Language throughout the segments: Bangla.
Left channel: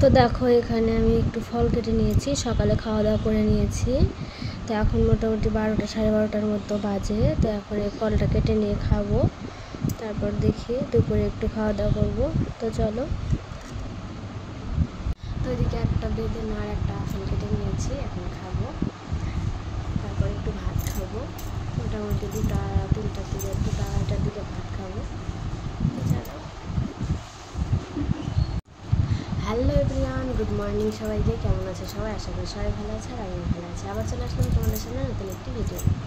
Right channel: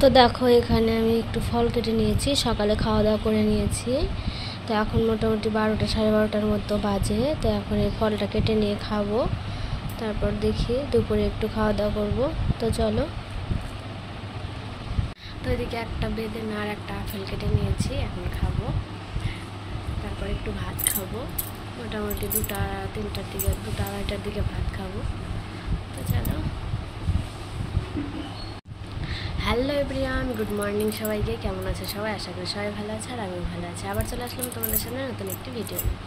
তো দেখো এখানে আমি একটু ফল কেটে নিয়েছি, সকালে খাওয়া দাওয়া করে নিয়েছি। তো এখন মোটামুটি 12টা 12:30টার মতো বাজে। তো এখন এই ফলটা কেটে নিয়ে খাবো, তারপর দেখি দুপুরে একটু খাওয়া দাওয়া করবো। তো চলো। তো এদিকে একটা বেদেন আর একটা আপেল কেটে নিয়েছি, এখন খাবো, তারপর একটু ভাত খাবো। মোটামুটি 2টা 3টার দিকে 2টা 2:30টার দিকে ভাত খাবো। তো চলো। হ্যালো এভরিওয়ান, গুড মর্নিং সবাইকে। কেমন আছে সবাই? আশা করি সবাই ভালো আছে, আর আমিও ভালো আছি। আবার চলে আসলাম তোমাদের সামনে নতুন একটি ভিডিও নিয়ে।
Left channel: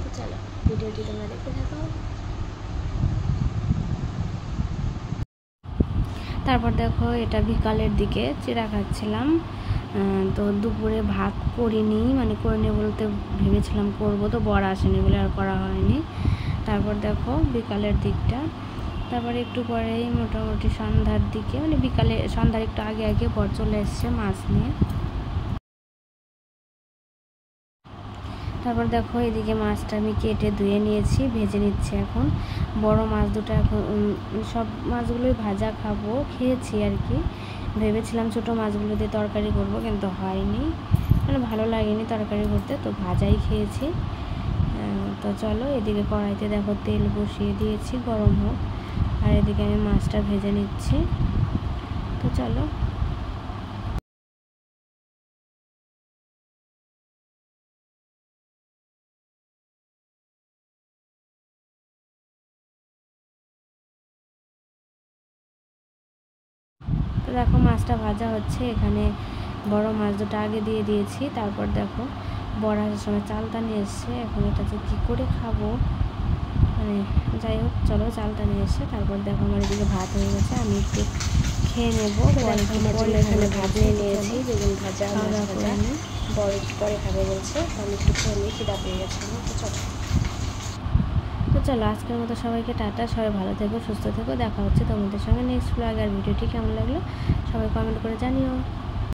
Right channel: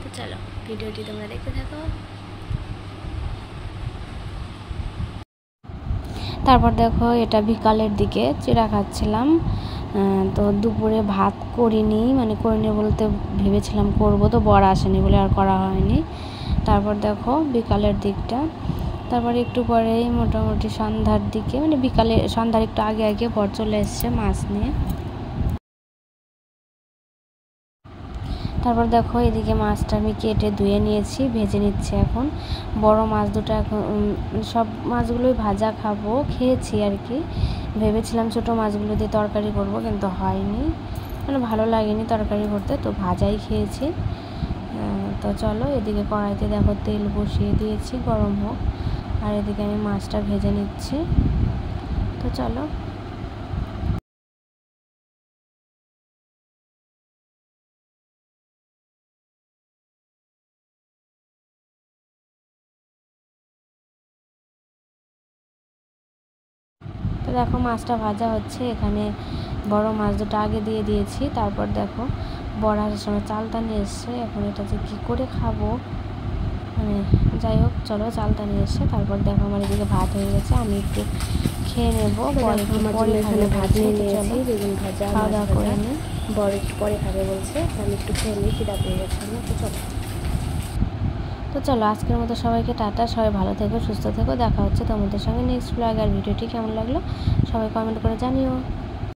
তো চলো, ভিডিওটি তোমরা দেখতে থাকো। তারপর দেখো এটা বিকালের দিকে চিড়া খাচ্ছিলাম। তো দুপুরে ভাত করিনি, মানে করিনি বলতে ভেবেছিলাম করবো, তো বর আসেনি বলে আর করা হয়নি। তারপর দেখো বিকালের দিকটা, তারপরে একটু পরেই মোটামুটি সন্ধ্যার দিকে, মানে বিকালে সন্ধ্যার একটু আগে আগে বর চলে এসছে মাছ নিয়ে। তারপর দেখো এদিকে মাছটা আমি কেটে ধুয়ে নিয়েছি, ভেজে নিচ্ছে এখন। বড় মাছ দুটো এখন সব মাছগুলোই ভাজা খাবো, খেয়েছি আর কি। ভেবেছিলাম ছোটো মাছগুলো দিয়ে তরকারি করবো, কিন্তু হয়নি, মানে ভালো লাগেনি তরকারি করতে, তো ভাজাই খেয়েছি। তো চলো, এদিকে কড়াইতে দেখো তেল বসিয়ে দিয়েছি, গরম হোক, আর এদিকে আমি মাছটা ভেজে নিচ্ছি। তো চলো। তো দেখো মাছটা ভাজা হচ্ছে, এখানে বড় মাছ দুটো আগে দিয়ে দিয়েছি। তারপর দেখো বড় আসার সময় চালটা নিয়ে এসছে, এখন এটা যে কী করে খাবো, মানে যাই হোক চলো, চালটা নিয়ে এসছে। তারপর দেখো আমার এদিকে ভাত হয়ে গেছে, আমি একটু খেয়ে নেবো। এখানে ভাত নিয়ে নিয়েছি, বেগুন ভাজা, খাওয়া দাওয়া করে বড় একটু পরে খাবে বলছে, আমি একটু খেয়ে নিই, খিদা পেয়ে গেছে আমার। তো চলো আজকের মতো সবাইকে টাটা, সবাই ভালো থেকো, সুস্থ থেকো। দেখা হচ্ছে তোমাদের সঙ্গে নেক্সট ব্লগ। আর ভিডিওটি কেমন লাগলো সবাই কমেন্ট করে জানিও।